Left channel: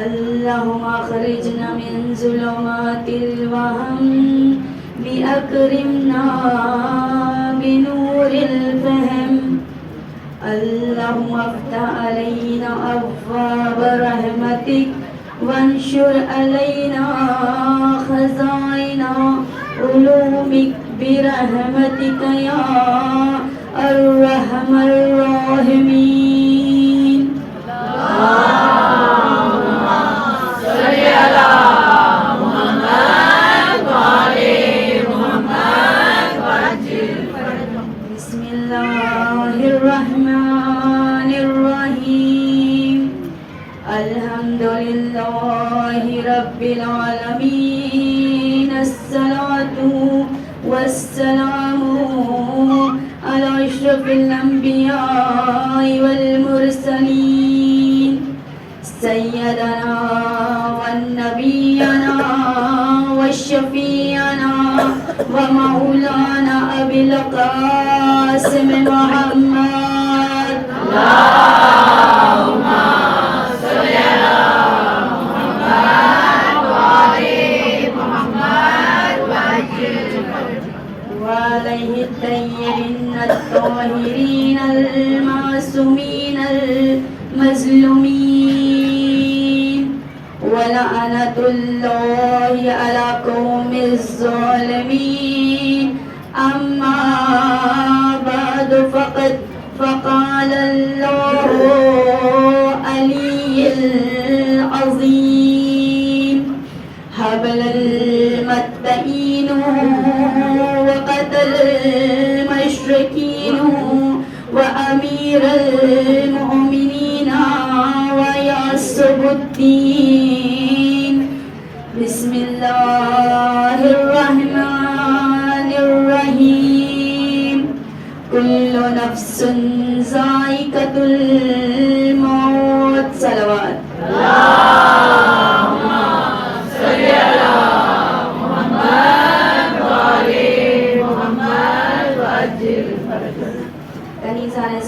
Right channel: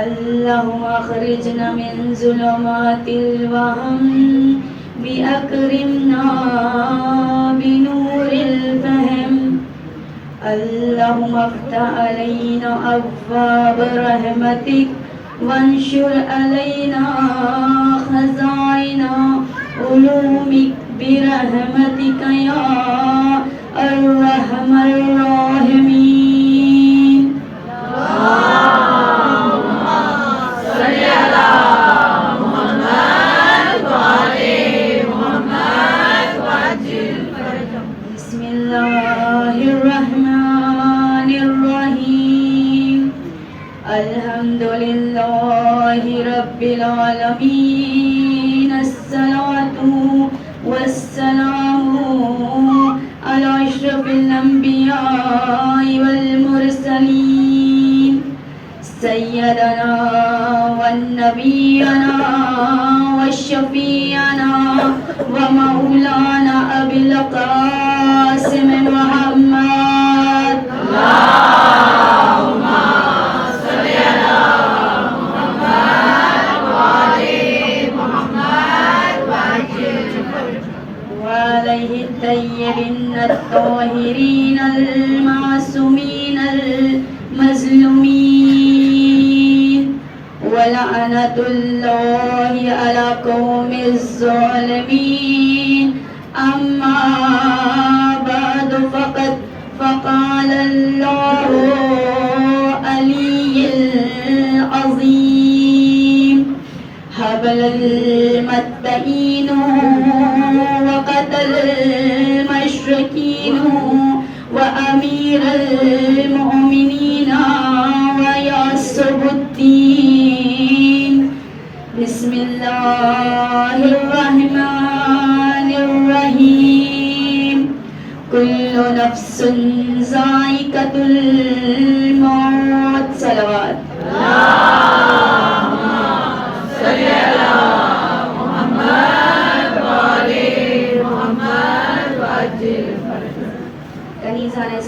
اللهم اخرجنا من ظلمات الوهم بأكرمنا بنور الفهم. اللهم افتح علينا أبواب رحمتك وانشر علينا خزائن علومك برحمتك يا أرحم الراحمين. العالمين الصلاة والسلام على أشرف الأنبياء والمرسلين سيدنا والنبينا والشفيعنا ومولانا أبي القاسم محمد. الطيبين الطاهرين المعصومين المظلومين ولعنة الله على قوم الظالمين. أما بعد فقال الله علي العظيم حبل المتقين وقتل المشركين وأمير المؤمنين ويعصب الدين. بسم الله الرحمن الرحيم. كل نفس ذائقة الموت. صلوات.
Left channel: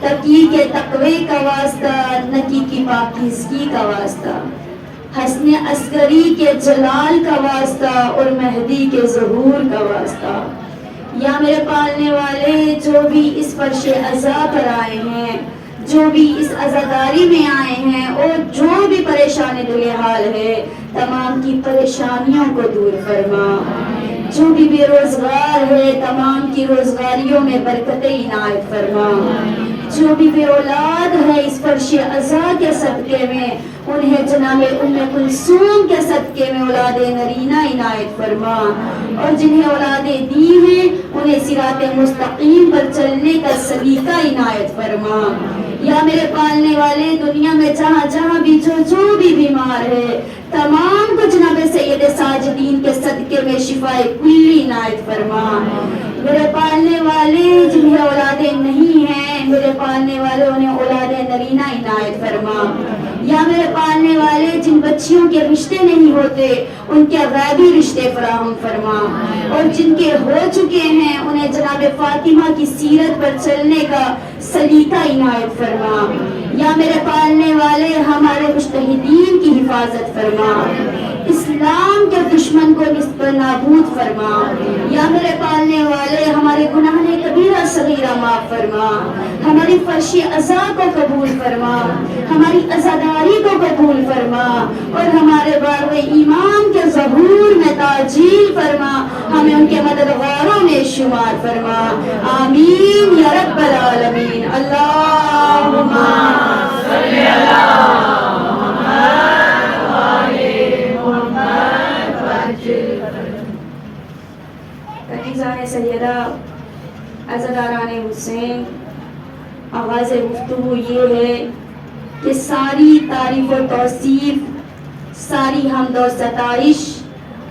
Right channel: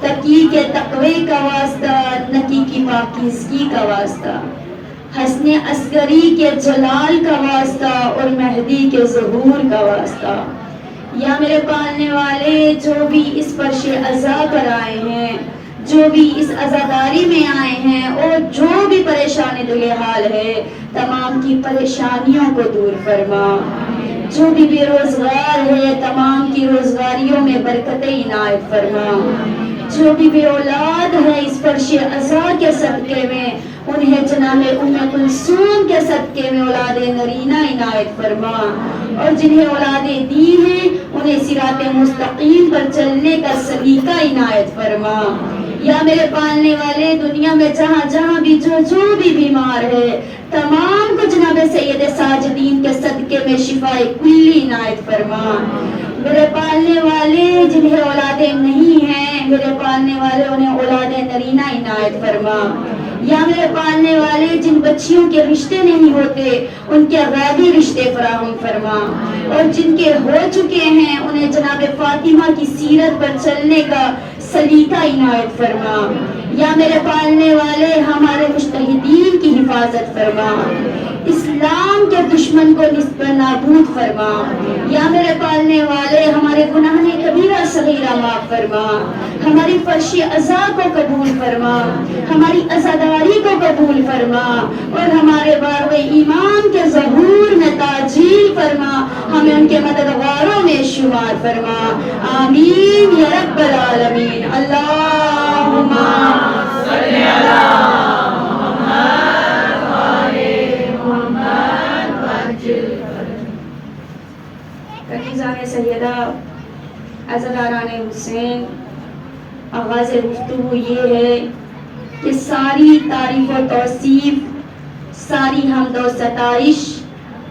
تقی کے تقوی کا واسطہ، نقی کی پاکیزگی کا واسطہ، حسن عسکری کے جلال کا واسطہ اور مہدی کے ظہور کا واسطہ۔ یا میرے پالنے والے، جو بھی اس فرش عزا پر آئے ہیں، جو بھی اس عزاداری میں آئے ہیں اور جو بھی پریشانی دل حال ہے، تمام کی پریشانیوں کو دور فرما۔ جو بھی بے روزگار ہے، تمام کی روزگاریوں میں برکتیں عنایت فرما۔ جو بھی بے اولاد ہے، اس فرش عزا کے صدقے میں انہیں جناب ام کلثوم کے صدقے میں اولاد نرینہ عنایت فرما، اور جنہیں اولادیں دی ہیں انہیں صراط مستقیم پر چلنے کا سلیقہ عنایت فرما۔ یا میرے پالنے والے، دنیا میں جہاں جہاں بھی جو بھی بیمار ہے، تمام کو جناب سید ساجدین کے صدقے میں شفائے کلی عنایت فرما۔ میرے پالنے والے، جنہیں اولادیں نہیں ہیں، میرے پالنے والے انہیں اولاد نرینہ عنایت فرما۔ یا میرے پالنے والے، جن بچیوں کے رشتے نہیں ہوتے ان کے غیبی رشتے فراہم فرما، اور جن کے ہو چکے ہیں انہیں جناب فاطمہ کی سیرت پر چلنے کا سلیقہ عنایت فرما۔ یا میرے پالنے والے، ہمارے مجتہدین کی حفاظت فرما، اسلام کے دشمن کو نصب نابود فرما۔ یا میرے پالنے والے، ہمارے گناہ کبیرہ صغیرہ معاف فرما، ہماری فرش عزا کو قبول فرما، ہماری عزاداری کو قبول فرما، اور ہمارے بارو ایمان کے ظہور میں تاجیل فرما، ہمیں ان کے مددگاروں میں شمار فرما۔ آمین یا رب العالمین۔ اللہم صلی علی محمد وآل محمد وعجل۔ کنیزان سیدہ، عزاداران حسین، آغاز گفتگو یہ ہے کہ ساری تعریف و توصیف، ساری حمد و ستائش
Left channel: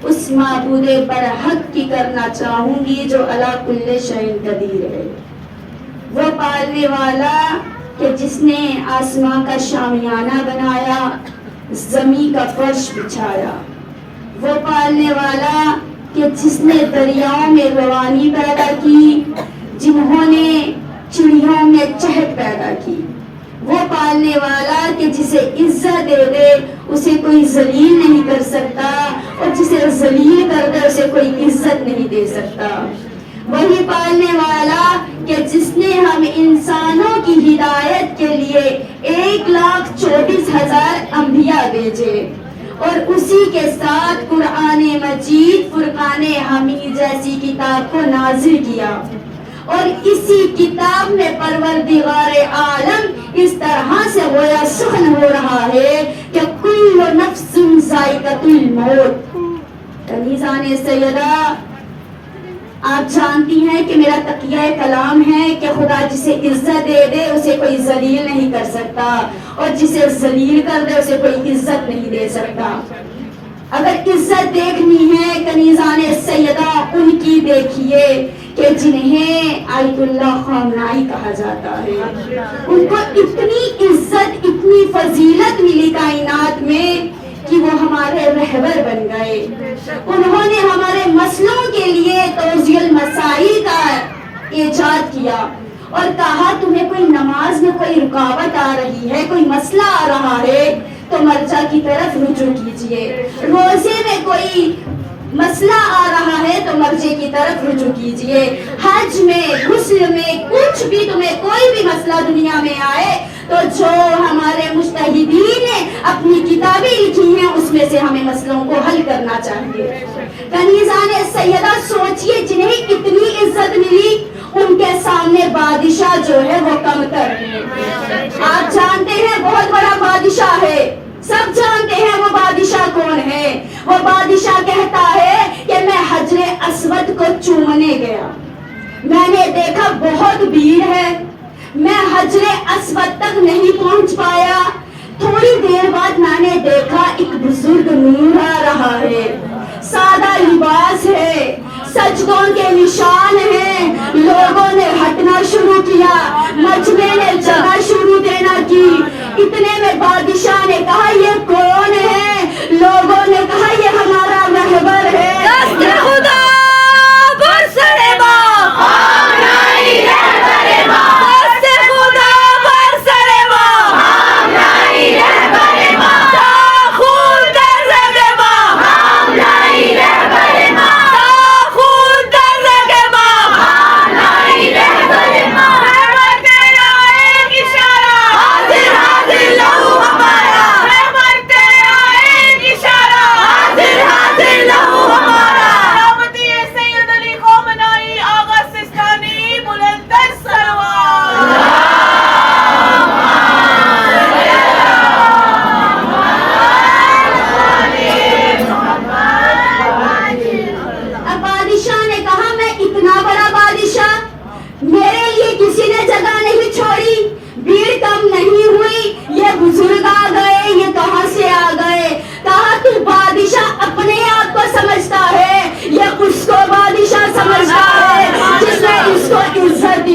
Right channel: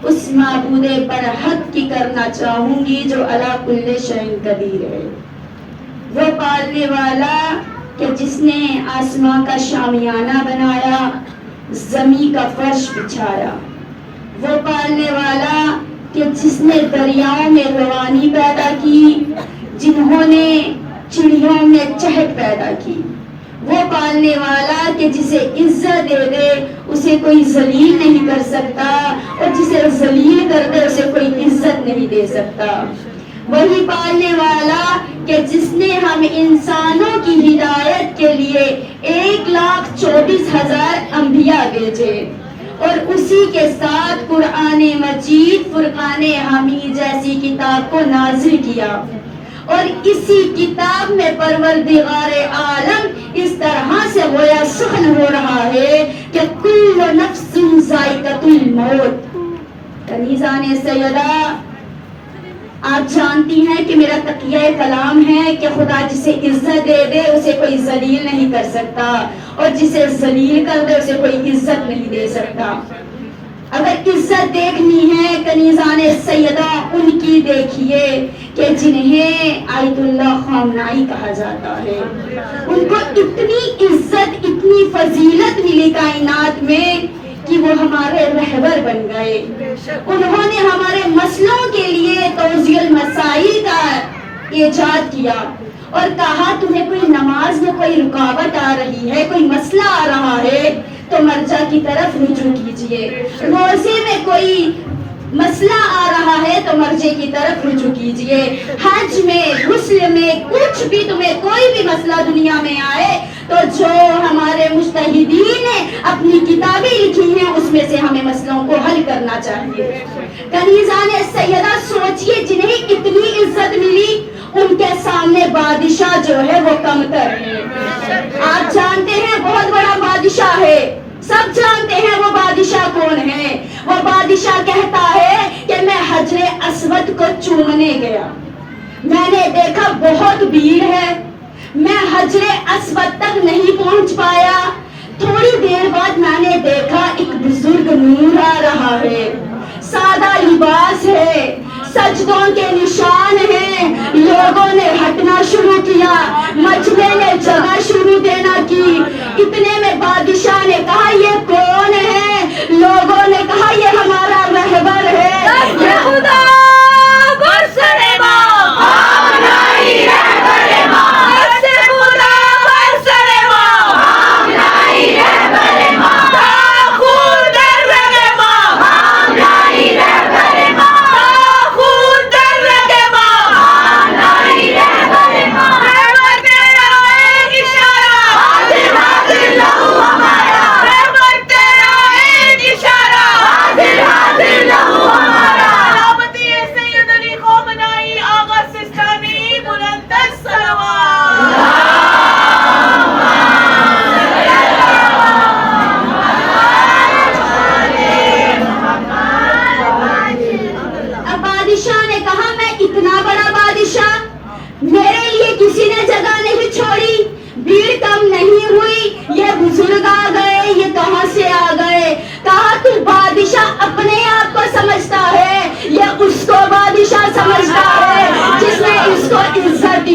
اس معبود برحق کی کرنا چاہوں گی جو علی کل شیء قدیر ہے، وہ پالنے والا کہ جس نے آسمان کا شامیانہ بنایا، زمین کا فرش بچھایا، وہ پالنے والا کہ جس نے دریاؤں میں روانی پیدا کی، جنہوں نے چڑیوں میں چہک پیدا کی، وہ پالنے والا کہ جسے عزت دے دے اسے کوئی ذلیل نہیں کر سکتا، اور جسے ذلیل کر دے اسے کوئی عزت نہیں دے سکتا۔ وہی پالنے والا کہ جس نے ہم انسانوں کی ہدایت کے لیے 1,24,000 انبیاء بھیجے، اور اسی کے ساتھ قرآن مجید، فرقان حمید جیسی کتاب کو نازل کیا، اور اسی کتاب میں پروردگار عالم اس طرح سے گویا سخن ہو رہا ہے کہ کل نفس ذائقۃ الموت۔ کنیزان سیدہ، آپ جانتی ہیں کہ میرا تقیہ کلام ہے کہ خدا جسے عزت دے دے اسے کوئی ذلیل نہیں کر سکتا، اور جسے ذلیل کر دے اسے کوئی عزت نہیں دے سکتا۔ اگر عزت دیکھنی ہے کنیزان سیدہ، ان کی دیکھیے کہ جنہیں آیت اللہ خامنائی کہا جاتا ہے، ان کو اتنی عزت، اتنی فضیلت ملی کائنات میں کہ وہ ہمارے رہبر بن گئے۔ انہوں نے ہمارے مسئلوں کے لیے توضیح المسائل کا ایجاد کیا، اور کہا تمہیں کوئی نماز میں کوئی رکاوٹ آ رہی ہے، کوئی مسئلہ آ رہا ہے تو مرجع کی طرف رجوع کیجئے، روزے میں کوئی مسئلہ آ رہا ہے تو مرجع کی طرف رجوع کیجئے، حج میں، غسل میں، کچھ بھی تمہیں کوئی بھی مسئلہ دنیا میں آئے تو جو ہمارے مجتہدین نے اپنی کتابیں لکھی ہیں اس میں سے ہمیں مسئلوں کو حل کرنا چاہیے۔ کنیزان سیدہ، سوچئے جنہیں اتنی عزت ملی ان کے سامنے بادشاہ جو ہے وہ کم تر ہے۔ آپ جانتے ہیں بہت بڑا بادشاہ ہے، سب جانتے ہیں وہ بادشاہ کون ہے۔ وہ بادشاہ کہتا ہے کہ میں حجر اسود کو چومنے گیا، میں نے دیکھا بہت بھیڑ ہے، میں حجر اسود تک نہیں پہنچ پایا، تھوڑی دیر بعد میں نے دیکھا ایک بزرگ نور آ رہا ہے، سادہ لباس ہے، سجدوں کے نشان ہیں، لوگوں نے ہٹنا شروع کیا، مجمع نے جگہ شروع دینا کی۔ اتنے میں بادشاہ نے کہا یہ کون ہے؟ لوگوں نے کہا یہ ہمارا رہبر ہے۔ خدا برسنے با خامنائی رہبر با، خدا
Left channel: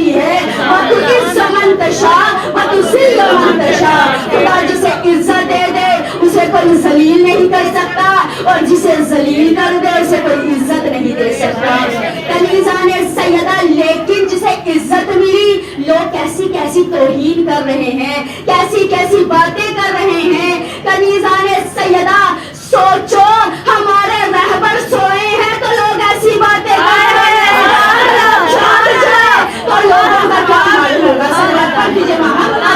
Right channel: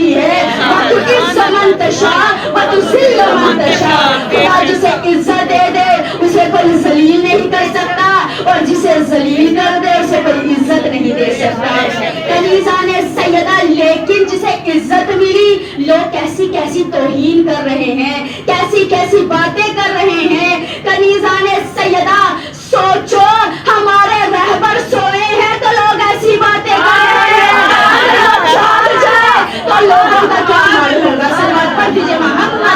ملی ہے وَتُعِزُّ مَن تَشَاءُ وَتُذِلُّ مَن تَشَاءُ خدا جسے عزت دے دے اسے کوئی ذلیل نہیں کر سکتا اور جسے ذلیل کر دے اسے کوئی عزت نہیں دے سکتا کنیزان سیدہ لیکن جسے عزت ملی لوگ کیسی کیسی توہین کر رہے ہیں کیسی کیسی باتیں کر رہے ہیں کنیزان سیدہ سوچو ہمارے رہبر سوئے ہیں تو لوگ ایسی باتیں کر رہے ہیں لوگ جاگ جائے تو لوگوں کا کیا حال ہوگا صلوات پڑھ دیجئے محمد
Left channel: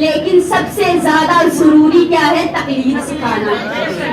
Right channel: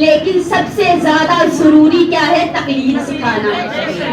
لیکن سب سے زیادہ ضروری کیا ہے تقلید سکھانا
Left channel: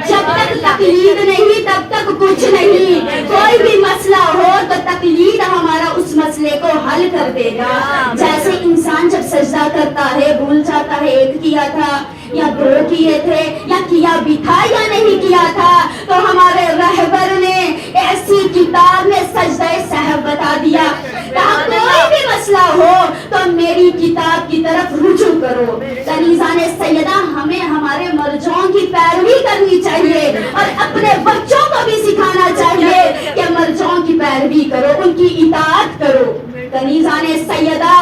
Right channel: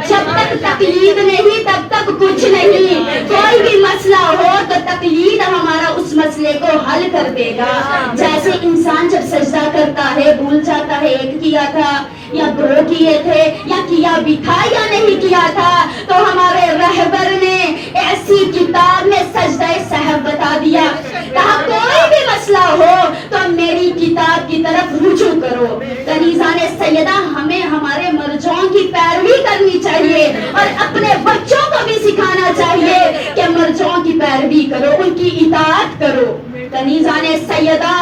جب تک تقلید نہیں تب تک کچھ نہیں کوئی بھی مسئلہ ہو تو تقلید ہمارا اس مسئلے کو حل کر دے گا جیسے انسان جب سجدہ کرتا ہے بھول جاتا ہے ایک کیا تھا یا دو کیے تھے یا کیا بھی تھا یا نہیں کیا تھا تو ہمارے رہبر نے ایسی کتاب میں سجدہ سہو بتا دیا کہا کوئی بھی مسئلہ ہو تو میری کتاب کی طرف رجوع کرو کنیزان سیدہ ہمیں ہمارے مرجعوں کی پیروی کرنی چاہیے اور اپنے بچوں کو بھی سکھانا چاہیے کہ مرجعوں کی پیروی کرو ان کی اطاعت کرو کنیزان سیدہ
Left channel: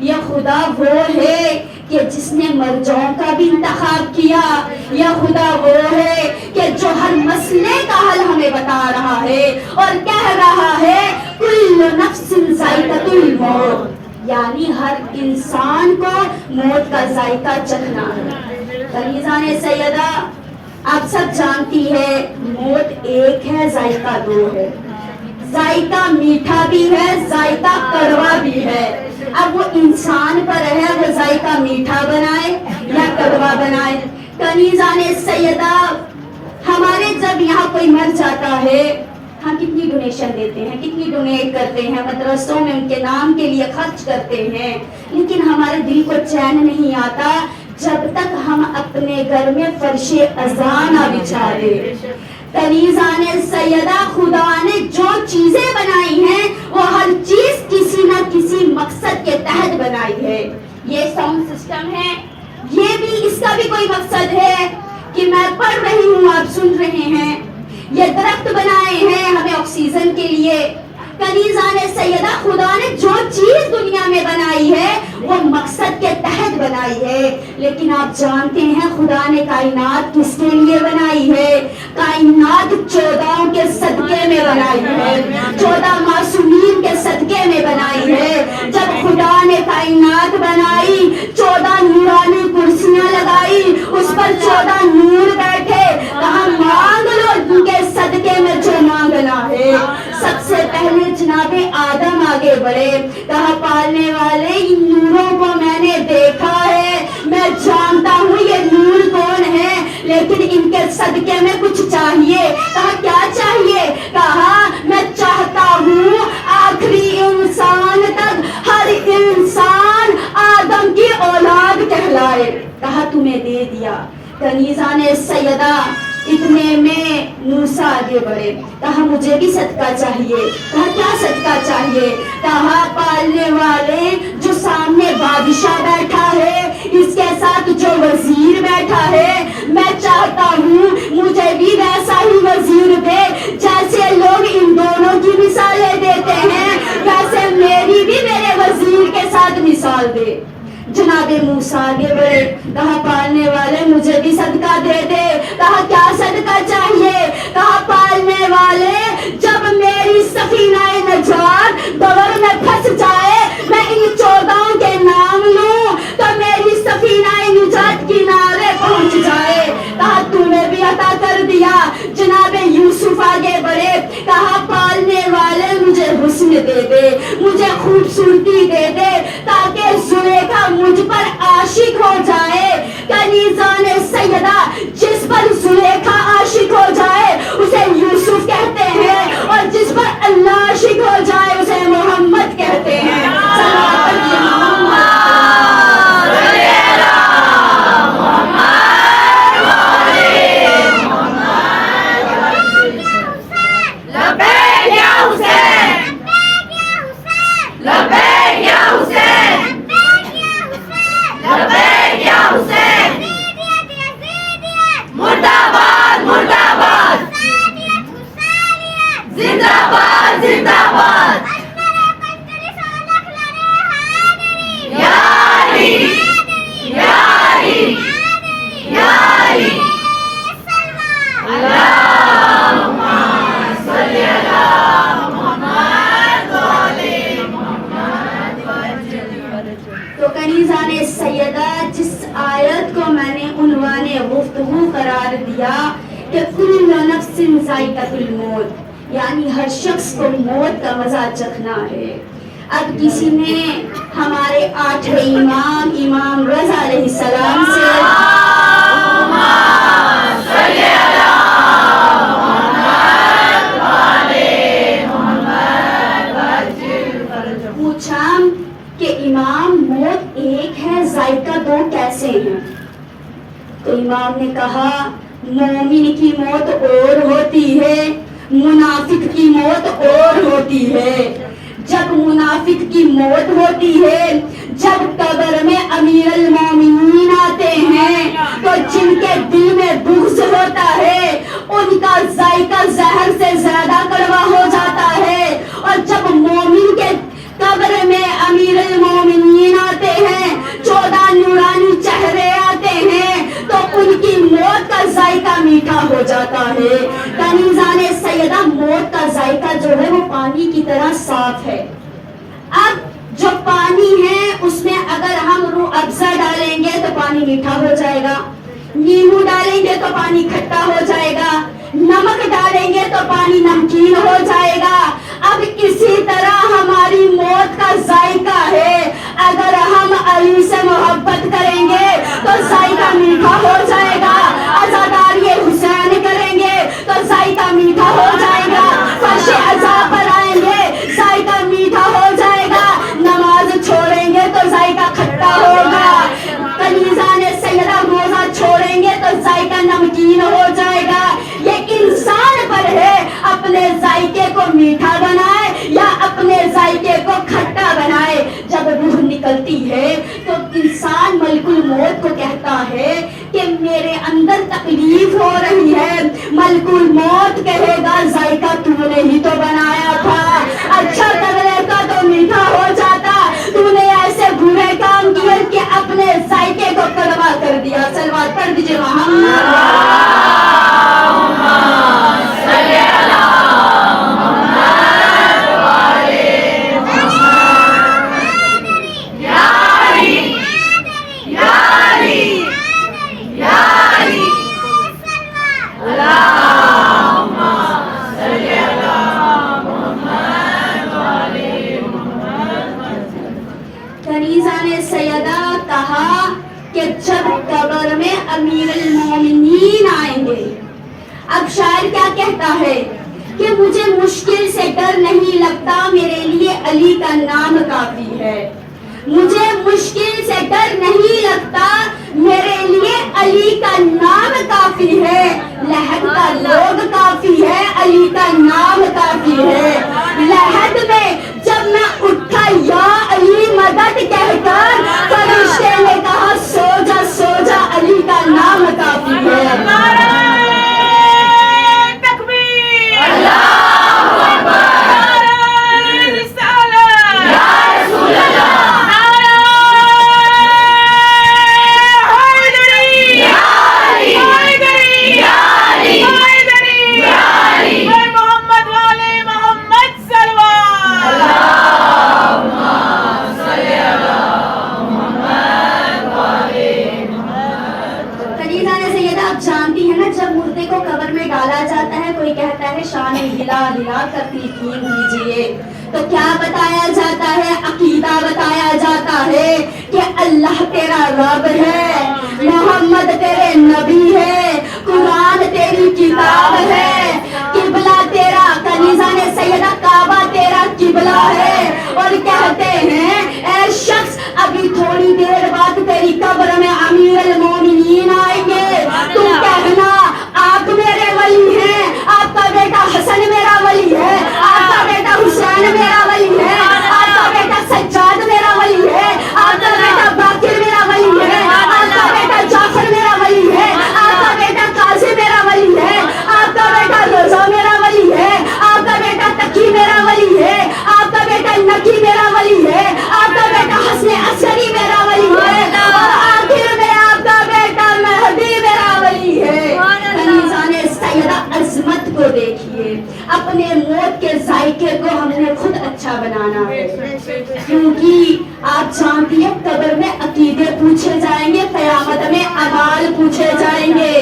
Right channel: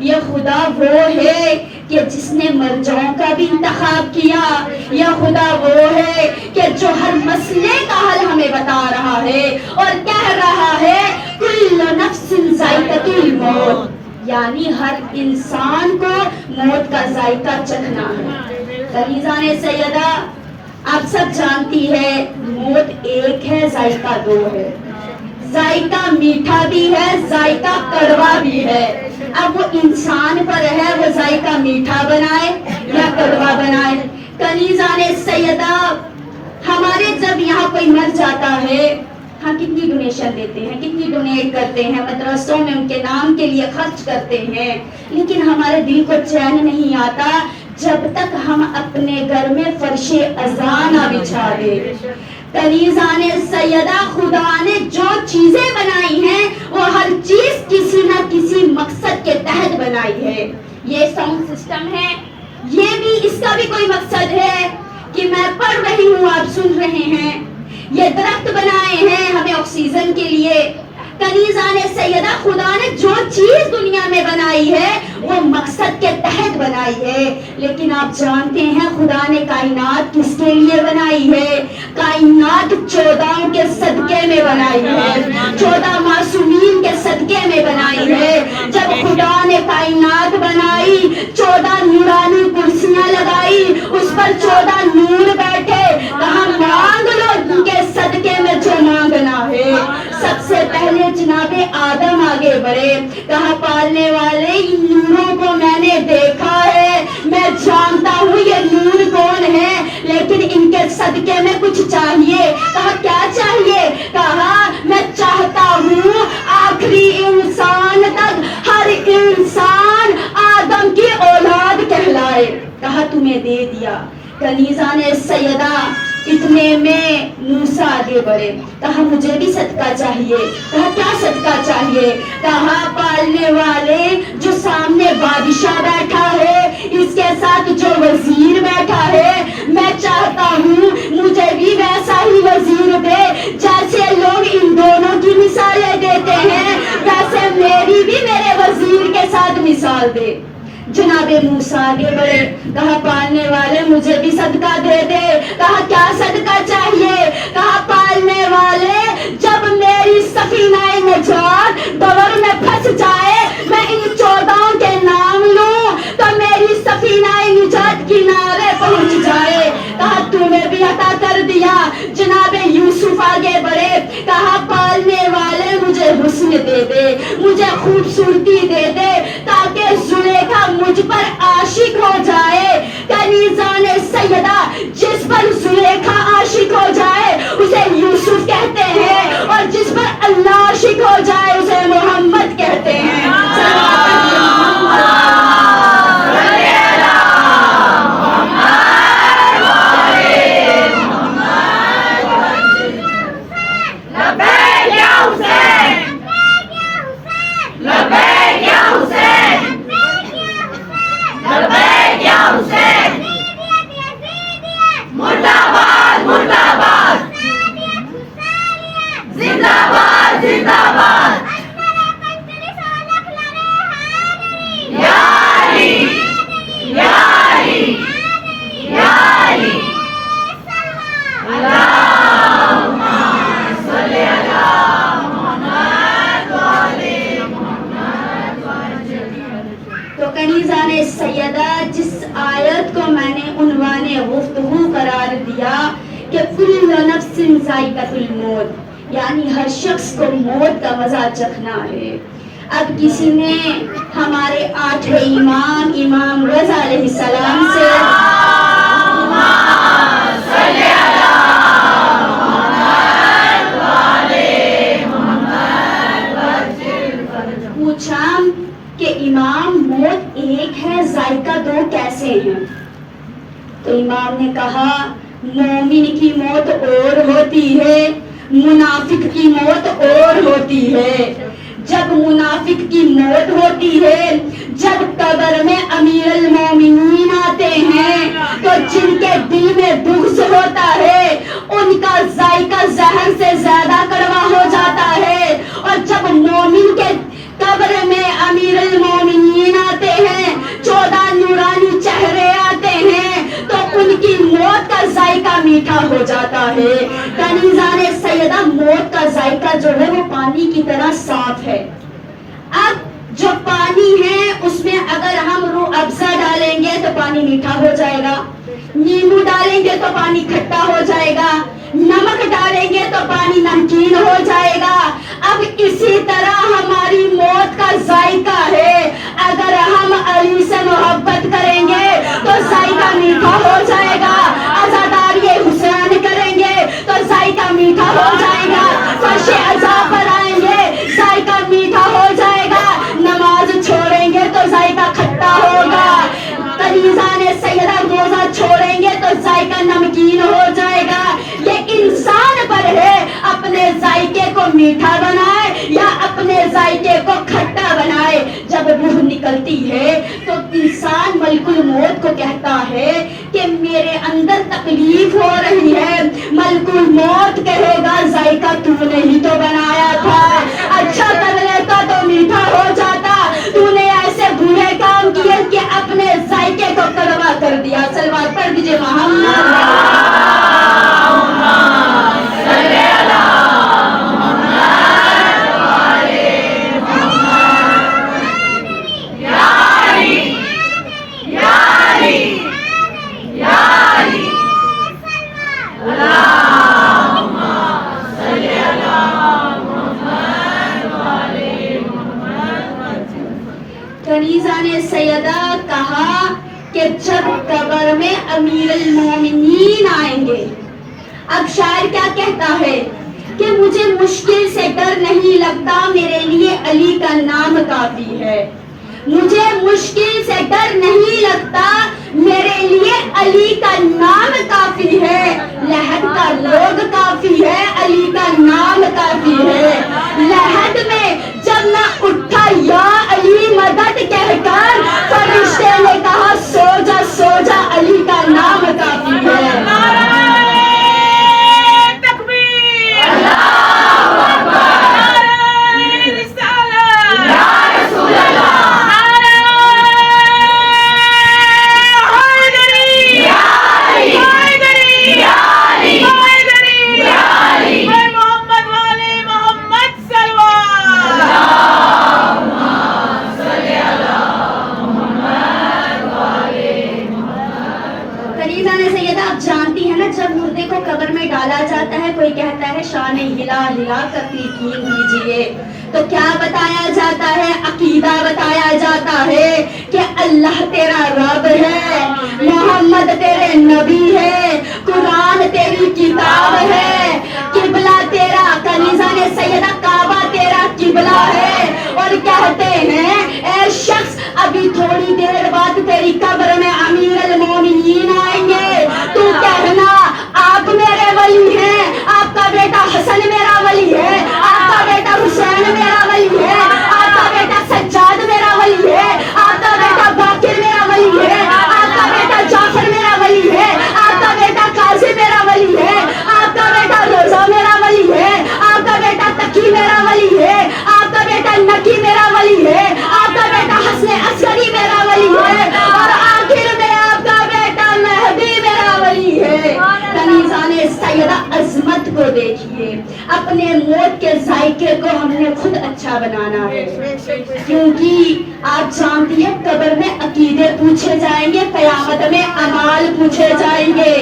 یہ خدا وہ ہے کہ جس نے مرجعوں کا بھی انتخاب کیا یا خدا وہ ہے کہ جو ہر مسئلے کا حل ہمیں بتا رہا ہے اور کہہ رہا ہے کل نفس ذائقۃ الموت یعنی ہر انسان کو موت کا ذائقہ چکھنا ہے کنیزان سیدہ آپ سب جانتی ہے موت ایک ہے ذائقہ دو ہے ذائقہ میٹھا بھی ہے ذائقہ کڑوا بھی ہے اب وہ انسان پر ہے وہ ذائقہ میٹھا بنائے یا کڑوا بنائے کنیزان سیدہ ہمارے جب یہاں کوئی مر جاتا ہے ہم کتنی ڈونیشن دیتے ہیں کتنی ڈونیٹ کرتے ہیں مدرسوں میں ان کے نام کے لیے خرچ کرتے ہیں لیکن ہمارے دل کو چین نہیں آتا جب تک ہم اپنے گھر میں فرش اذان نہ بچھا دے کنیزان سیدہ خدا نے جو چیزیں بنائی ہیں وہ ہر چیز کسی نہ کسی مقصد کے تحت بنائی ہے یہ ساؤنڈ سسٹم ہے یہ بھی اس کا بھی کوئی مقصد ہے کہ میں پڑھ رہی ہوں آپ سن رہے ہیں یہ درخت بنائے ہیں ہمیں آکسیجن کے لیے کنیزان سیدہ خدا نے جو چیز دنیا میں بنائی ہے وہ مقصد کے تحت بنائی ہے لیکن آپ جانتے ہیں خدا نے کائنات کس کے لیے بنائی ہے کائنات 14 کے صدقے میں بنائی ہے 14 معصومین کے صدقے میں بنائی ہے جب خدا نے کائنات بنائی 14 نورانی کرسیاں لگائی اس پر 14 نور بیٹھے کہاں مانگ لو ان کے صدقے میں جو مانگنا ہے سب سے پہلے جناب آدم آگے بڑھے کہا پالنے والے ان نوروں کو میں نے دیکھا ہے میں جانتا ہوں یہ نور کون ہے لیکن ان کے صدقے میں کچھ چاہیے کہا کیا چاہیے کہا میں چاہتا ہوں آخری انسان تک ہر انسان آدم کی اولاد کہلائے کہا تمہیں دے دیا کنیزان سیدہ اتنے میں موسیٰ آگے بڑھے کہا مجھے بھی صدقہ چاہیے کہا کیا صدقہ چاہیے کہا پالنے والے جو سامنے بادشاہ بیٹھا ہے اس کے ساتھ جو وزیر بیٹھا ہے میں چاہتا ہوں مجھے بھی ویسا ہی وزیر دے جیسے لوگ ان دونوں کی مثالیں دیتے ہیں ویسے میری بھی میرے وزیر کے ساتھ مثال دے جناب موسیٰ آگے بڑھے کہا پالنے والے مجھے بھی صدقہ دے دے کہا کیا صدقہ چاہیے کہا پالنے والے جب میری سفینہ نجات بور میں پھنس جائے میں ان 14 کے نام لوں تو میری سفینہ نجات کنارے پہنچ جائے کہا پالنے والے مجھے حسن دے دے, مجھے خوبصورتی دے دے, تاکہ زلیخا مجھ پر عاشق ہو جائے. کنیزان سیدہ جس پر زلیخا عاشق ہو جائے اسے یوسف کہتے ہیں, اور جس پر اللہ عاشق ہو جائے اسے محمد کہتے ہیں. تو کنیزان سیدہ جس آیت کو میں نے عنوان گفتگو قرار دیا کہ کل نفس ذائقۃ الموت, یعنی ہر شخص کو موت کا مزہ چکھنا ہے. اب کسی نے ہمارے 8 امام رضا علیہ السلام سے پوچھا کہ امام موت ایک ہے, ذائقہ 2 کیسے ہیں؟ تو امام نے کہا مومن کی موت اور ہوتی ہے, منافق کی موت اور ہوتی ہے. جب منافق کی موت ہوتی ہے, جب قبر میں امیر المومنین آتے ہیں تو جن کے دل میں بغض ہوتا ہے ان کا ذائقہ زہر سے زیادہ کڑوا ہو جاتا ہے. اور جب مومن کے قبر میں امیر المومنین آتے ہیں, 14 نورانی چہرے آتے ہیں, تو ان کی موت کا ذائقہ میٹھا ہو جاتا ہے. کنیزان سیدہ موت کا ذائقہ جو ہے وہ پانی کی طرح صاف ہے. اب جو پانی ہے اس میں اگر ہم روح افزا ڈالیں گے تو پانی میٹھا ہو جائے گا, نیمبو ڈالیں گے تو پانی کھٹا ہو جائے گا, نمک ڈالیں گے تو پانی نمکین ہو جائے گا. اب اسی طرح ہماری موت کا ذائقہ ہے, اگر ہم علی سے محبت کریں گے تو ذائقہ میٹھا ہو جائے گا, عزاداری حسین کریں گے تو ذائقہ میٹھا ہو جائے گا, فرش عزا پر آئیں گے ذائقہ میٹھا ہو جائے گا, نماز چھوڑیں گے تو ذائقہ کھٹا ہوگا, کنیزان سیدہ روزہ چھوڑیں گے تو ذائقہ نمکین ہو جائے گا. یہ انسان پر ہے اپنے ذائقے کو میٹھا بنائے یا اپنے ذائقے کو کھٹا بنائے. جب روح نکلتی ہے تو انسان ملک الموت کو کہتا ہے کہ میرے اندر تکلیف ہو رہی ہے, ملک الموت کہے گا ذائقہ تو نے ہی تو بنایا تھا, اچھا کر لیتا تو میٹھا ہو جاتا, تو نے ایسے برے کام کیے کہ اپنے ذائقے کو کڑوا کر دیا. صلوات پڑھ دیجیے محمد. کنیزان سیدہ کہا کہ جب قبر میں امیر المومنین آئیں گے, اب شاعر کیا کہتا ہے کہ مجھے مشکل سے ڈر نہیں لگتا, میرے لیے علی کا نام کافی ہے. مجھے مشکل سے ڈر نہیں لگتا, میرے لیے علی کا نام کافی ہے. لحد کا لوگ کافی ہے, علی کا نام کافی ہے. لحد میں جب میں اٹھا یا علی مدد کہہ کر, فرشتے نے کہا سو جا علی کا نام کافی ہے. ڈالا جاتا ہے، کوئی کہتا ہے شان ہلا ہلا کر تلقین دیجئے. تو کیا بتایا جاتا ہے؟ عقیدہ بتایا جاتا ہے کہ اللہ تیرا رب ہے، محمد تیرے نبی ہے، قرآن تیری کتاب ہے، قبلہ تیرا کنیزہ نے سیدہ کعبہ تیرا قبلہ ہے. اور کہتے ہیں اے شخص ابھی تھوڑی دیر بعد تیری قبر میں امیر المومنین آئیں گے، تو کہنا آپ میرے ولی ہیں، آپ کا بیٹا حسن میرا ولی ہے، آپ کا بیٹا حسین میرا ولی ہے، آپ کا بیٹا سجاد میرا ولی ہے، آپ کا بیٹا باقر میرا ولی ہے، آپ کا بیٹا جعفر میرا ولی ہے، آپ کا بیٹا قاضی میرا ولی ہے، آپ کا بیٹا رضا میرا ولی ہے، آپ کا بیٹا تقی میرا ولی ہے، آپ کا بیٹا نقی میرا ولی ہے، آپ کا بیٹا حسن عسکری میرا ولی ہے، اور آخر میں آپ کا بیٹا مہدی میرا ولی ہے. کنیزان سیدہ عظمت کو دیکھیے. اپنے موت کے ذائقے کو ہم نے خود اچھا بنانا ہے، کیونکہ آپ جانتی ہیں قبر میں عقیدے پوچھے جائیں گے، قیامت میں اعمال پوچھے جائیں گے.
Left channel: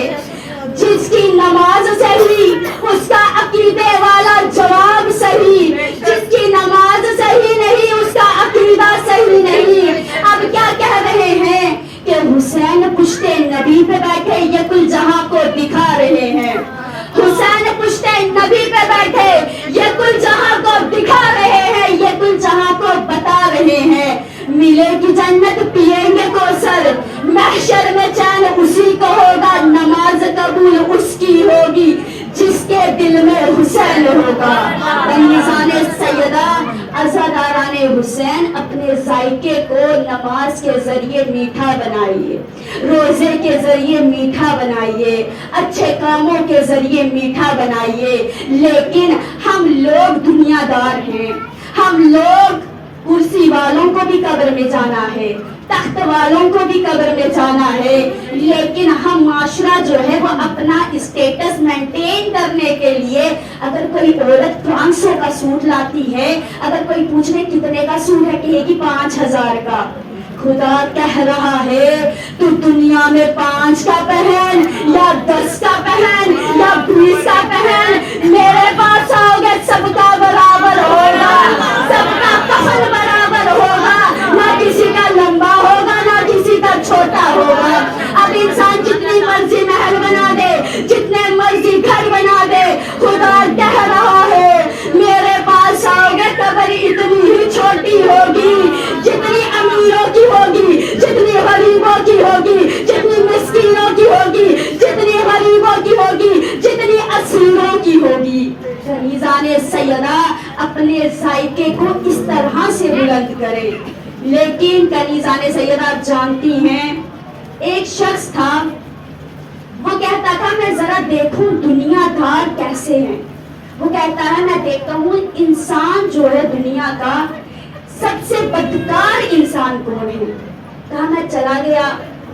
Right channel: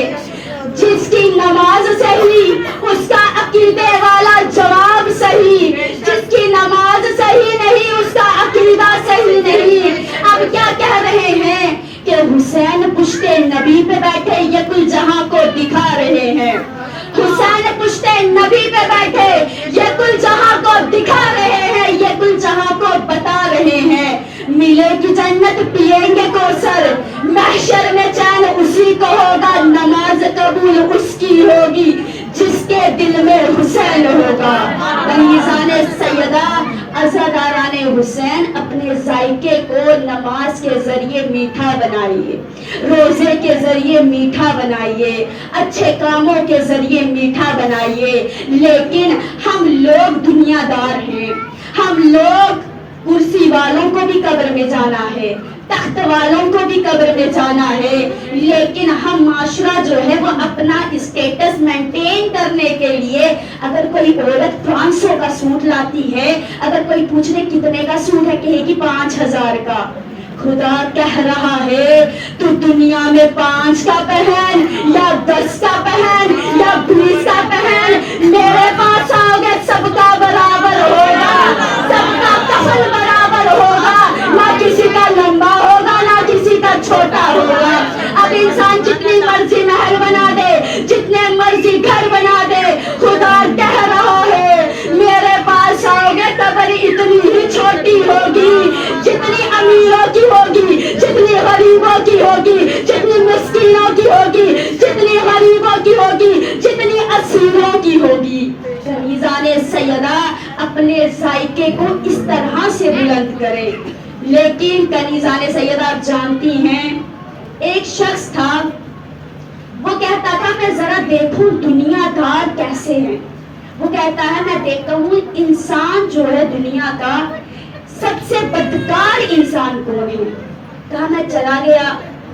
جس کی نماز صحیح اس کا عقیدے والا جواب صحیح، جس کی نماز صحیح نہیں اس کا عقیدہ صحیح نہیں. اب کیا کہہ رہے ہیں کہ حسین پشت نبی پہ بیٹھے یہ کل جہاں کو دکھا رہے ہیں، حسین پشت نبی پہ بیٹھے یہ کل جہاں کو دکھا رہے ہیں، یہ کل جہاں کو بتا رہے ہیں. ملے گی جنت پیئیں گے کوثر، محشر میں چین اسی کو ہوگا، نماز قبول اس کی ہوگی جس کے دل میں حسین ہوگا. کنیزان سیدہ عزاداران حسین اپنے ذائقے کو نماز کے ذریعے میٹھا بنائیے، روزے کے ذریعے میٹھا بنائیے، اچھے کاموں کے ذریعے میٹھا بنائیے. لیکن ہم لوگ دنیا دار ہیں، ہم لوگ کرسی والوں کو بھی قبر میں جانا ہے، تخت والوں کو بھی قبر میں جانا ہے، لیکن ہم معاشرہ جو ہے وہ اپنا اسٹیٹس مینٹین کرنے کے لیے اگر کوئی عورت 500 کا سوٹ لاتی ہے، اگر کوئی پوچھ لے کتنے کا سوٹ ہے، کہے گی 5000 کا. خدا کہہ رہا ہے تو دنیا میں 5 کا پہن یا 10 کا پہن یا 20 کا پہن، میرے پاس آؤ گے سب کا برابر ہوگا، سب کا کفن برابر ہوگا، نہ کسی کا لمبا ہوگا نہ کسی کا چھوٹا ہوگا. اب انسان جتنی مرضی محل بنا دے، جتنے مرضی گھر بنا دے، خدا کہہ رہا ہے میرے پاس آؤ گے قبر اتنی ہی چھوٹی ہوگی جتنی امیروں کی ہوگی، جتنی غریبوں کی ہوگی، جتنی مسکینوں کی ہوگی، جتنی غریبوں کی ہوگی، جتنی اسیروں کی ہوگی. کنیزان سیدہ اپنے ذائقے کو اس طرح سے بلند کرے. لیکن کنیزان سیدہ آپ جانتی ہیں ایک شخص تھا، وہ کہتا تھا میں ذرا دیکھوں دنیا دار کیسے ہیں. وہ کہتا ہے میں دیکھتا ہوں انسان جو ہے دنیا کا سب سے بدکار انسان کون ہے. کہا میں چلا گیا،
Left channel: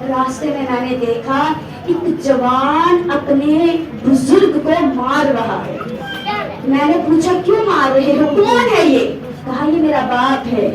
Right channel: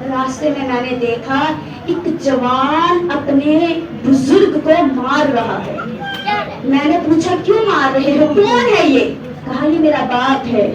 راستے میں نے دیکھا ایک جوان اپنے بزرگ کو مار رہا ہے. میں نے پوچھا کیوں مار رہے ہو، کون ہے یہ؟ کہا یہ میرا باپ ہے.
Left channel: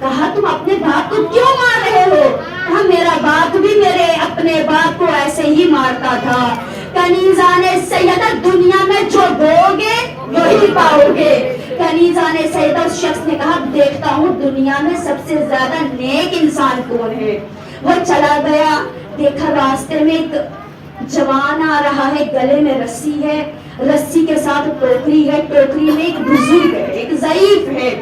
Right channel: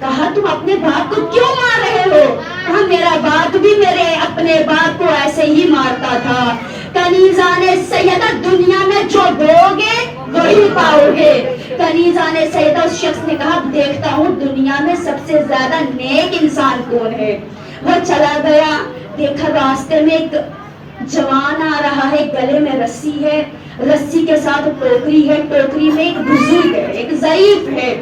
کہا تم اپنے باپ کو کیوں مار رہے ہو؟ کہا میرا باپ بھی میرے اپنے باپ کو ایسے ہی مارتا تھا. کنیزان سیدہ دنیا میں جو بوگے وہی پاؤ گے. کنیزان سیدہ اس شخص نے کہا دیکھتا ہوں دنیا میں سب سے زیادہ نیک انسان کون ہے. وہ چلا گیا، دیکھا راستے میں ایک جوان آ رہا ہے، گلے میں رسی ہے، رسی کے ساتھ ٹوکری ہے، ٹوکری میں ایک بزرگ ہے، ایک ضعیف ہے،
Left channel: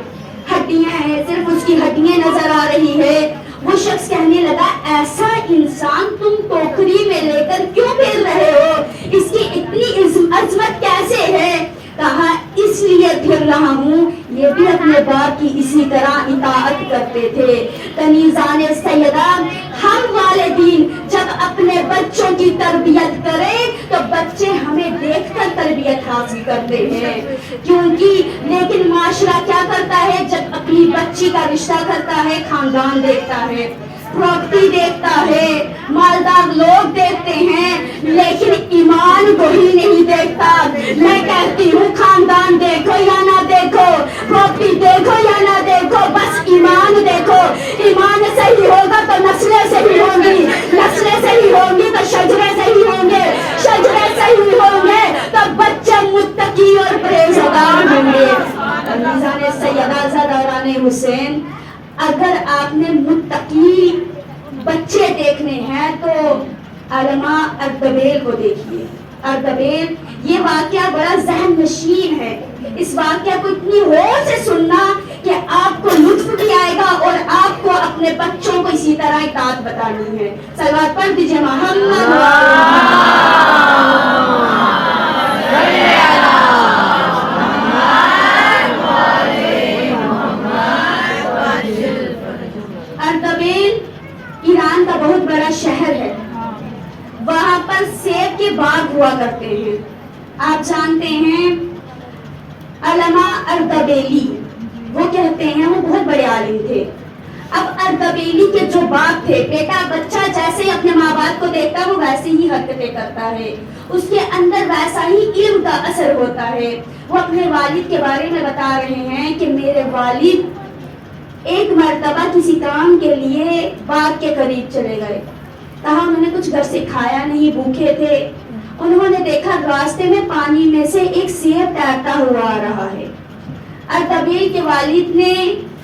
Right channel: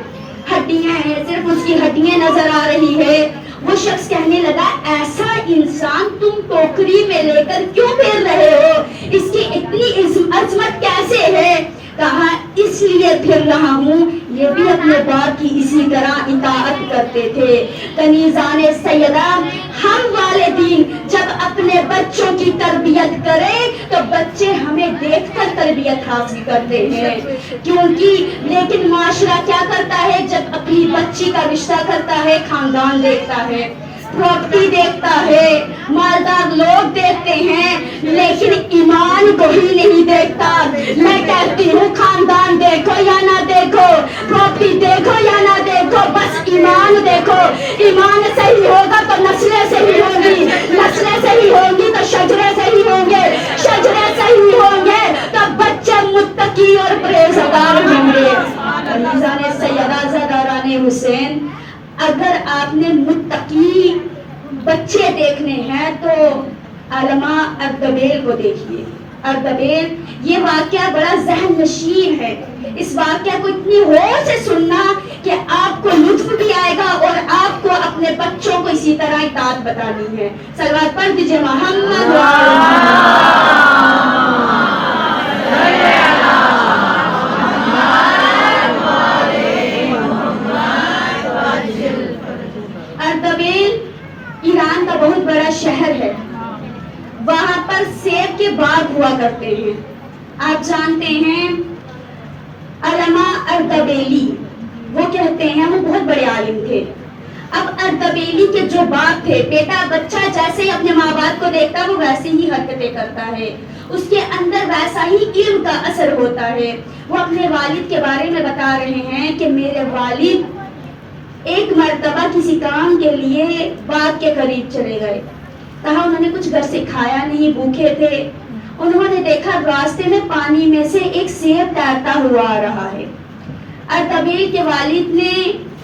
ہڈیاں ہیں، صرف اس کی ہڈیاں نظر آ رہی ہے. وہ شخص کہنے لگا ایسا انسان تم ٹوکری میں لے کر کیوں پھر رہے ہو، اس کی اتنی عظمت کیسے ہے؟ کہا اس لیے پھر رہا ہوں یہ بھی اپنے باپ کی اسی طرح اطاعت کرتے تھے. کنیزان سیدہ ہم والدین جب اپنے بچوں کی تربیت کریں تو بچے ہمیں دیکھ کر تربیت حاصل کرتے ہیں، کیونکہ لیکن معاشرہ کیا کرتا ہے جب اپنی بچی کا رشتہ کرتا ہے خاندان دیکھتا ہے، پراپرٹی دیکھتا ہے، مالدار لوگ دیکھتے ہیں، لیکن ایمان کو ہی نہیں دیکھتا. میں کہتی ہوں خاندان دیکھو یا نہ دیکھو، پراپرٹی دیکھو یا نہ دیکھو، بس ایمان دیکھو. ایمان صحیح ہوگا تو نسلیں صحیح ہوں گی، نسلیں صحیح ہوں گی تو شجرے صحیح ہوں گے، شجرے صحیح ہوں گے تو آپ نے متقی بچے دیکھنے ہیں تو علامہ اردبیل کو دیکھیے. اردبیل یہ واقعہ بڑا ذہن نشین ہے. اس واقعہ کو اتنی غور سے سننا کہ آپ کو لطف بھی آئے گا اور آپ کو اپنے بچوں کو اسی طرح اطاعت بتانی ہے. صلوات پڑھ دیجیے محمد. اردبیل ایران کا بہت بڑا شہر ہے. وہاں پر سیب کے باغ ہوا کرتے ہیں. آپ جانتے ہیں علامہ اردبیلی وہ کہتے ہیں وہ بہت بڑے عالم تھے. اب اردبیلی کے جو باپ تھے، بیٹا بچہ جیسے ہی اپنے ماں باپ کو دیکھتا وہ ویسے ہی حرکتیں کرتا ہے، اس کے اندر ویسا ہی علم کا اثر ہوتا ہے. وہ اپنے والد کے بارے میں بتا رہے ہیں کہ میرے والد ایک مرتبہ کسی کام کے لیے باغ کے قریب چلے گئے. کہا انہوں نے کچھ گھر سے کھایا نہیں، بھوکے تھے. انہوں نے دیکھا راستے میں پانی میں سے ایک سیب تیرتا ہوا آ رہا ہے. اردبیل کے والد نے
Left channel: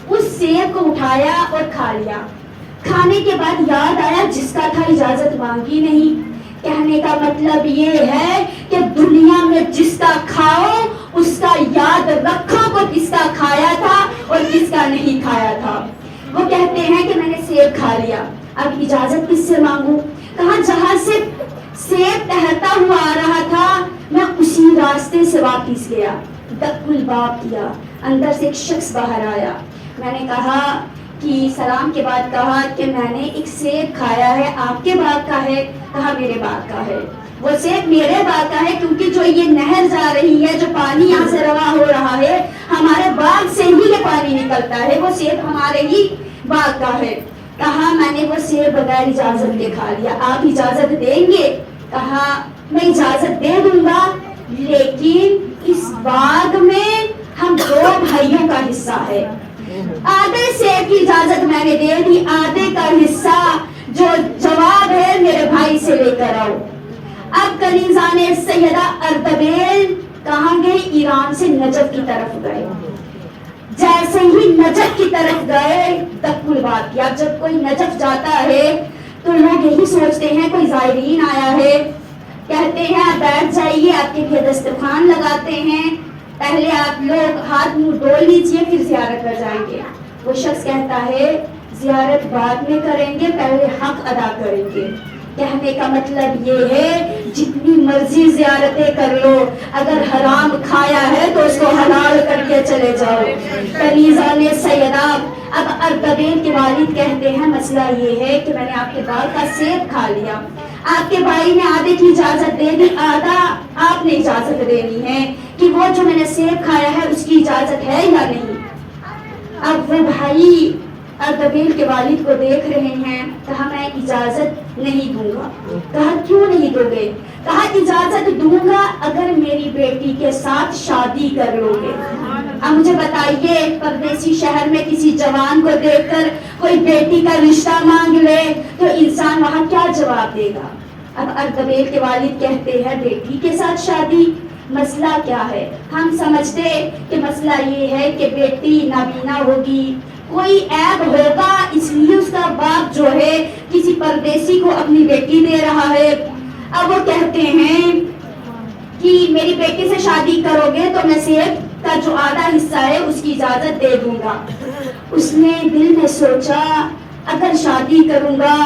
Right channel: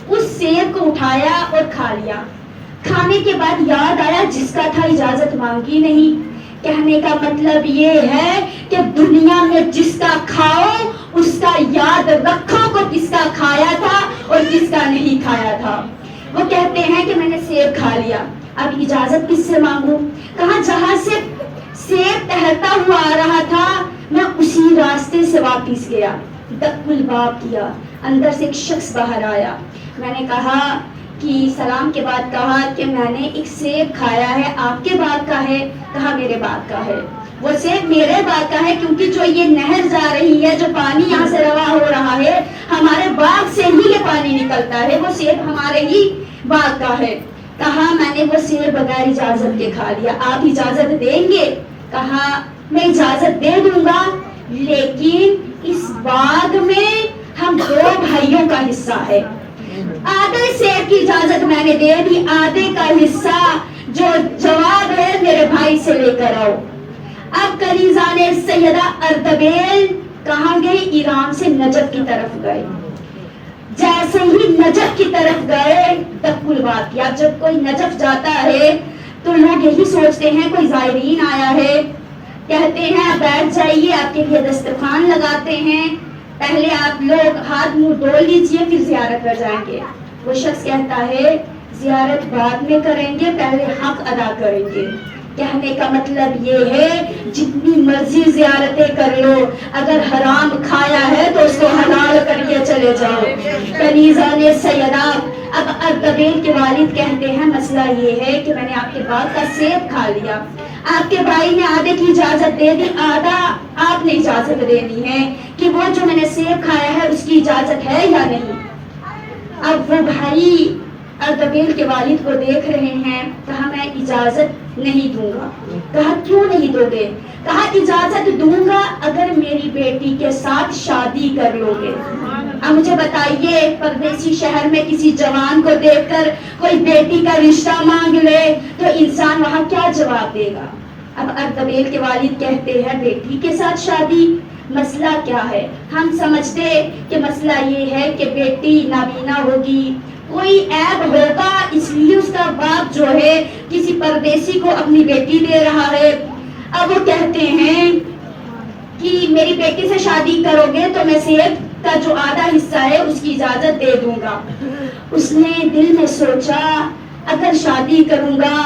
اس سیب کو اٹھایا اور کھا لیا. کھانے کے بعد یاد آیا جس کا تھا اجازت مانگی نہیں. کہنے کا مطلب یہ ہے کہ دنیا میں جس کا کھاؤ اس کا یاد رکھو کو کس کا کھایا تھا اور کس کا نہیں کھایا تھا. وہ کہتے ہیں کہ میں نے سیب کھا لیا، اب اجازت کس سے مانگوں. کہاں جہاں سے سیب تہرتا ہوا آ رہا تھا میں اسی راستے سے واپس گیا. دق الباب کیا، اندر سے ایک شخص باہر آیا. میں نے کہا کہ سلام کے بعد کہا کہ میں نے ایک سیب کھایا ہے، آپ کے باغ کا ہے؟ کہا میرے باغ کا ہے. وہ سیب میرے باغ کا ہے کیونکہ جو یہ نہر جا رہی ہے، جو پانی یہاں سے رواں ہو رہا ہے، ہمارے باغ سے ہی یہ پانی نکلتا ہے، وہ سیب ہمارے ہی باغ کا ہے. کہا میں نے وہ سیب بغیر اجازت کے کھا لیا، آپ اجازت دیں گے؟ کہا میں اجازت دے دوں گا، لیکن اس باغ میں ہم 2 بھائیوں کا حصہ ہے. آدھے سیب کی اجازت میں نے دے دی، آدھے کا حصہ جو جواب ہے میرے بھائی سے لے کر آؤ. اب کنیزان سیدہ اردبیل کہاں گئے؟ ایران سے نجف کی طرف گئے. جیسے ہی نجف کی طرف گئے دق الباب کیا. جب کوئی نجف جاتا ہے تو لوگ یہی سوچتے ہیں کوئی زائرین آیا ہے، کہتے ہیں آپ بیٹھ جائیے، آپ کے لیے دسترخوان لگاتے ہیں، پہلے آپ لوگ ہاتھ منہ دھو لیجئے پھر زیارت پر جائیں گے. وہ شخص کہتا ہے زیارت بعد میں کریں گے، پہلے حق ادا کریں گے. کہنے کا مطلب یہ ہے جتنی مرضی زیارتیں کر لو، اگر حرام کھایا ہے تو اس کو حلال کر کے چلے جاؤ. کنیزان سیدہ اب اردبیل کے والد کہتے ہیں مسئلہ یہ ہے کہ میں نے آپ کے باغ کا سیب کھا لیا، آپ کے بھائی نے آدھے کی اجازت دے دی، آدھا آپ نے اجازت دینی ہے کہ وہ جو میں نے سیب کھایا ہے اس کی اجازت ہے یا نہیں. اب وہ بھائی اردبیل کے والد کو دیکھ رہے ہیں. کہا میں اجازت نہیں دوں گا. کہا کیوں نہیں دو گے؟ کہا اجازت دوں گا اگر میری بیٹی کے ساتھ شادی کر لو گے. اب مجھے بتائیے پردیسی شہر میں کسی جوان کو دیکھ کر کوئی بیٹی کا رشتہ مانگ لے تو انسان وہاں کیا جواب دے گا؟ اب اردبیل کے والد کہتے ہیں بیٹی کے ساتھ شادی، مسئلہ کیا ہے؟ ہم سمجھتے کہ مسئلہ یہ ہے کہ بیٹی نابینا ہوگی، کوئی عیب ہوگا، اس لیے اس کا باپ جو ہے کسی پردیسی کو اپنی بیٹی دے رہا ہے. اب وہ کہتے ہیں کہ میری بیٹی سے شادی کرو گے تو میں سیب کا جو آدھا حصہ ہے اس کی اجازت دے دوں گا. اس نے دل میں سوچا اگر شادی کروں گا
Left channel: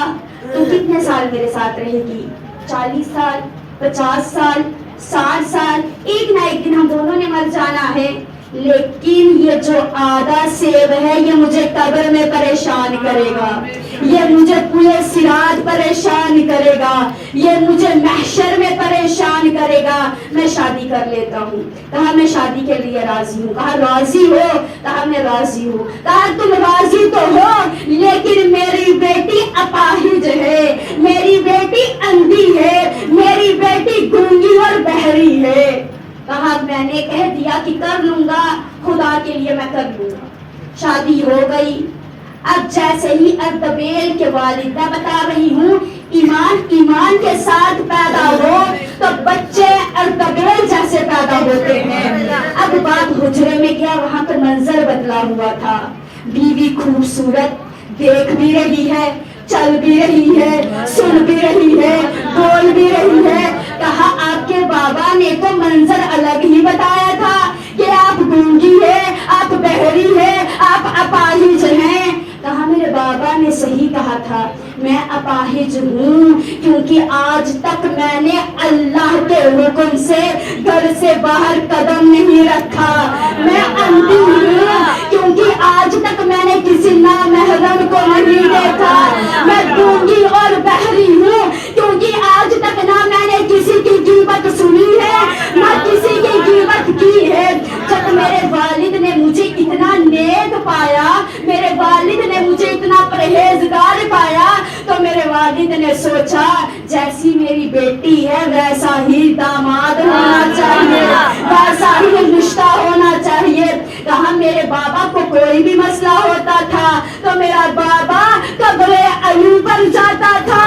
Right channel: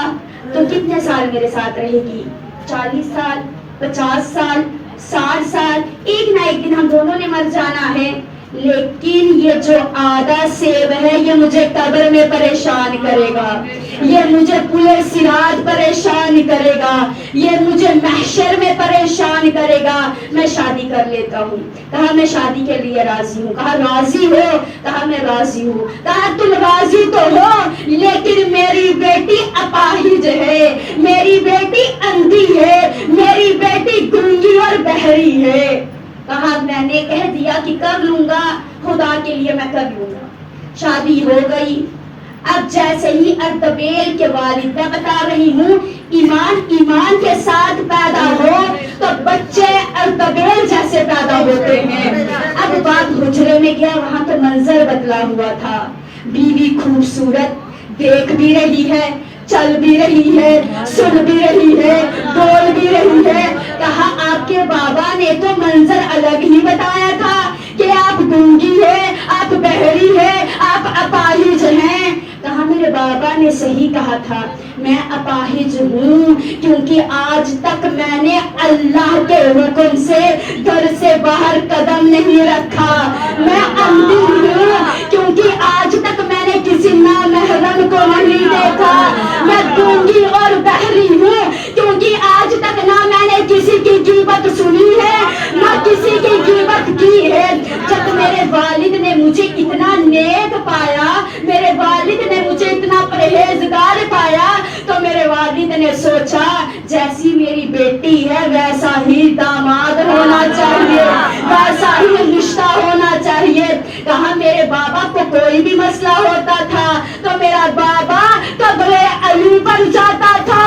تو کتنے سال میرے ساتھ رہے گی؟ 40 سال، 50 سال، 60 سال، ایک نہ ایک دن ہم دونوں نے مر جانا ہے. لیکن یہ جو آدھا سیب ہے یہ مجھے قبر میں پریشان کرے گا، یہ مجھے پورے صراط پریشان کرے گا، یہ مجھے محشر میں پریشان کرے گا. میں شادی کر لیتا ہوں. کہا میں شادی کے لیے راضی ہوں. کہا راضی ہو؟ کہا میں راضی ہوں. کہا تم راضی تو ہو لیکن میری بیٹی اپاہج ہے، میری بیٹی اندھی ہے، میری بیٹی گونگی اور بہری ہے. کہا میں نے کہہ دیا کہ کر لوں گا، خدا کے لیے میں کر لوں گا. شادی ہو گئی. اب جیسے ہی اردبیل کے والد، میں بتا رہی ہوں ایمان کے ساتھ پیدا ہو تو بچے اردبیل جیسے پیدا ہوتے ہیں. اب بات حجرے میں گیا، وہاں تو منظر بدلا ہوا تھا. بیوی خوبصورت، دیکھ بھی رہی ہے, چل بھی رہی ہے, سن بھی رہی ہے, بول بھی رہی ہے. کہا آپ کے بابا نے تو منظر الگ ہی بتایا تھا کہ آپ گونگی ہے, آپ بہری ہے, آپ اپاہج ہیں. کہا میرے بابا نے صحیح کہا تھا, میں اپاہج ہوں کیونکہ آج تک میں نے اللہ کے حکم سے گھر سے باہر قدم نہیں رکھا. میں اندھی ہوں کیونکہ آج تک میں نے کسی نامحرم کو نہیں دیکھا. میں گونگی اور بہری ہوں کیونکہ آج تک نہ میں نے کسی کی غیبت سنی ہے نہ کسی کی غیبت کی ہے. جب میرے والد نے مجھے اتنا نیک پایا, میرے والد نے مجھے اتنا پرہیزگار پایا, تو میرے والد نے سوچا جیسی میری بیٹی ہے ویسا ہی داماد ہونا چاہیے, ویسا ہی رشتہ ہونا چاہیے. کہاں میرے بابا کو کوئی بھی مسئلہ ہوتا تھا تو میرا بابا قبر علی پر جاتا تھا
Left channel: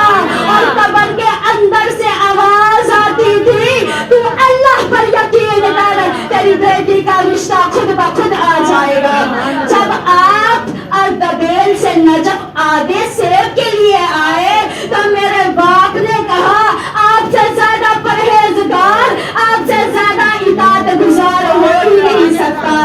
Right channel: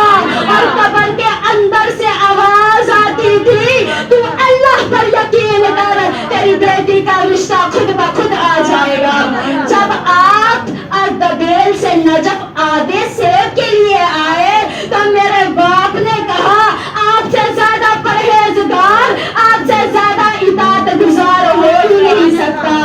اور قبر کے اندر سے آواز آتی تھی, تو اللہ پر یقین کر, تیری بیٹی کا رشتہ خود بخود آ جائے گا. جب آپ اردبیل سے نجف آدھے سیب کے لیے آئے تو میرے باپ نے کہا آپ سے زیادہ پرہیزگار, آپ سے زیادہ اطاعت گزار ہو ہی نہیں سکتا.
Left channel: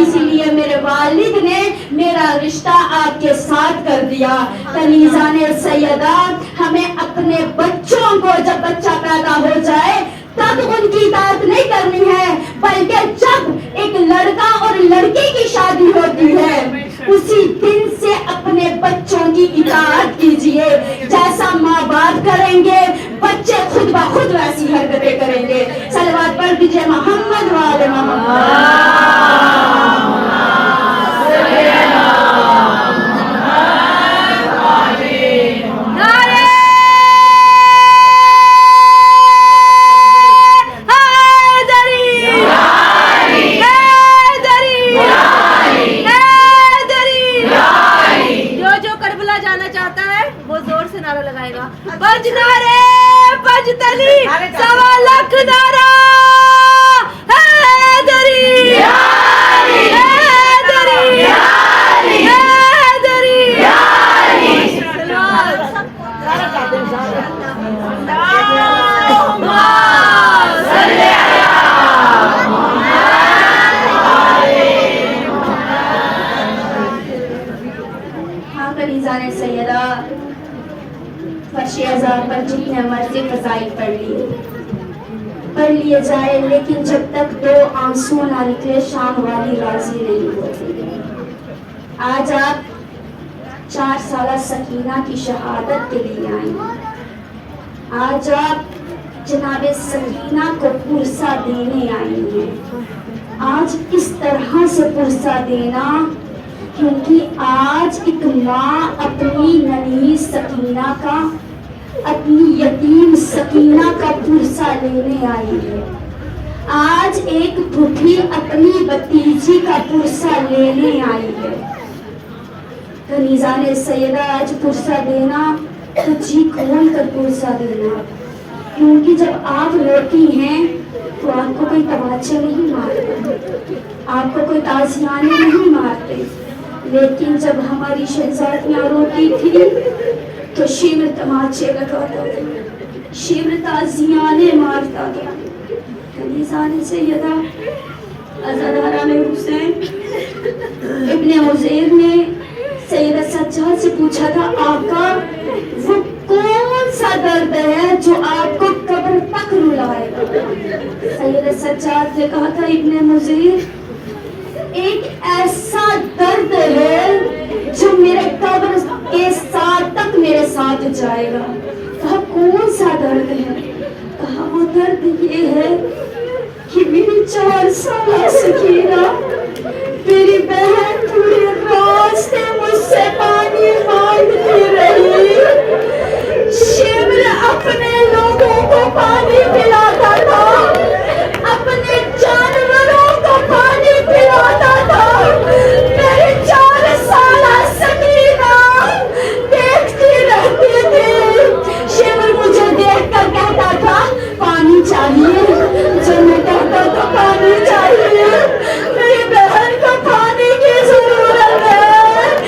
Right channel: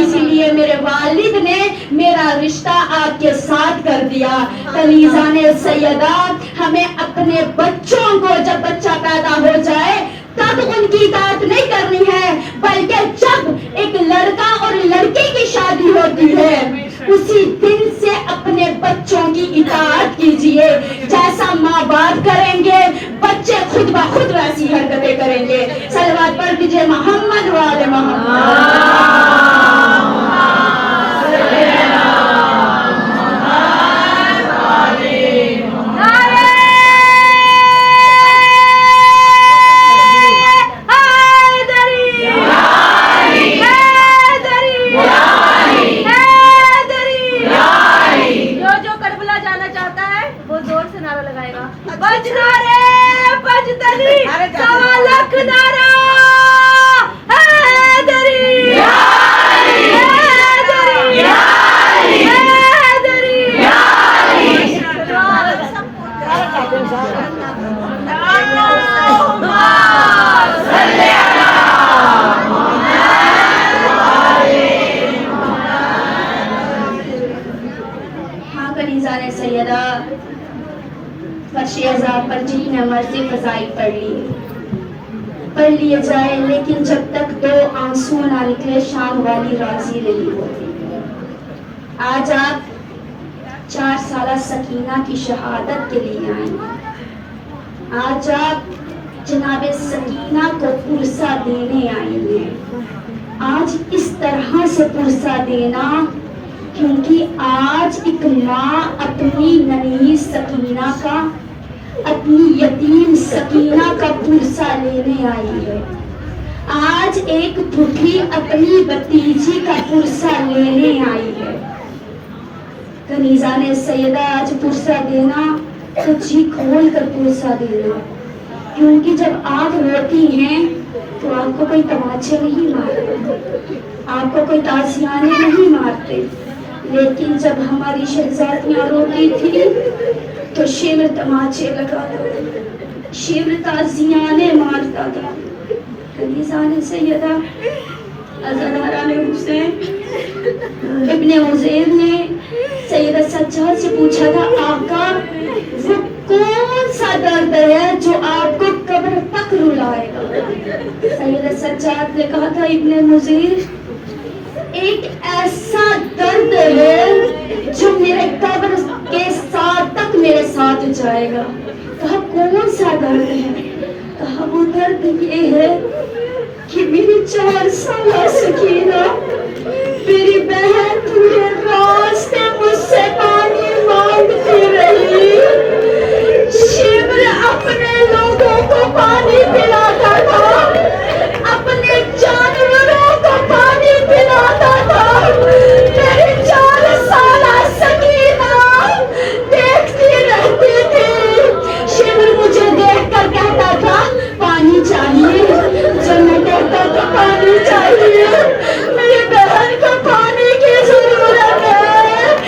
اسی لیے میرے والد نے میرا رشتہ آپ کے ساتھ کر دیا. کنیزان سیدہ, ہمیں اپنے بچوں کو جب بچہ پیدا ہو جائے تب ان کی اطاعت نہیں کرنی ہے, بلکہ جب ایک لڑکا اور لڑکی کی شادی ہوتی ہے اسی دن سے اپنے بچوں کی اطاعت کیجئے. جیسا ماں باپ کریں گے بچے خود بخود ویسی حرکتیں کریں گے. صلوات پڑھ دیجئے محمد و آل محمد. پر جتنے مرضی فضائل پڑھ لیے جائے, لیکن جب تک دو آنسو نہ نکلے شام والی راضی نہیں ہوتی. آج آپ 4 سالہ سکینہ کی شہادت کے لیے آئیں. آج آپ جناب سکینہ کو پرسہ دینے آئی ہیں. آج اس طرح سے پرسہ دینا کیونکہ آج ایک ماں اپنی ننھی سکینہ کا, اپنی یتیم سکینہ کا پرسہ لینے آئی ہے. آج ایک بھوکی اپنی بھتیجی کا پرسہ لینے آئی ہے. کنیزان سیدہ, آج پرسہ دینا تو جی کھول کر پرسہ دینا, کیونکہ جب آپ روتی ہیں تو آپ کو کوئی تماچے نہیں مارتے, آپ کو کوئی تازیانے نہیں مارتے. لیکن جب ہماری شہزادیاں روتی تھی تو شیور تماچے لگاتا تھا, شیور تازیانے مارتا تھا. کنیزان سیدہ عزاداران حسین ابن عزیر نے سیدہ سجاد سے پوچھا تھا, آقا وہ کون سا درد ہے جو آپ کو قبر تک رلائے گا؟ سیدہ سجاد نے کہا تھا, ابن عزیر ایک ایسا درد ہے جو میرے قبر کے ساتھ تک میرے ساتھ جائے گا. کہا کون سا درد ہے؟ کہا وہ درد یہ ہے کہ میری 4 سالہ سکینہ, میری بہن پورے راستے مجھ سے پانی مانگتی رہی. شیور اپنے لوگوں کو پانی پلاتا تھا, اپنے جانوروں کو پانی پلاتا تھا. میری 4 سالہ سکینہ دیکھتی رہتی تھی. شیور مجھے دیکھ کر کہتا تھا پانی چاہیے, جب میں کہتا تھا پانی چاہیے, میری بہن کو پانی کی ضرورت ہے,